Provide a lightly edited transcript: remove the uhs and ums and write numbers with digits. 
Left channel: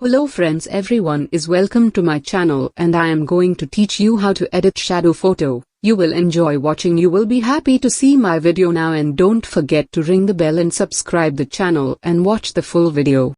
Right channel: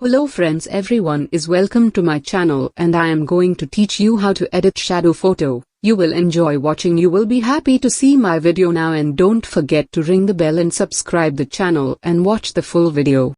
Hello friends, everyone is welcome to my channel and I am going to teach you how to edit shadow photo. You will enjoy watching. You will be happy to see my video now, and don't forget to ring the bell and subscribe the channel and watch the full video.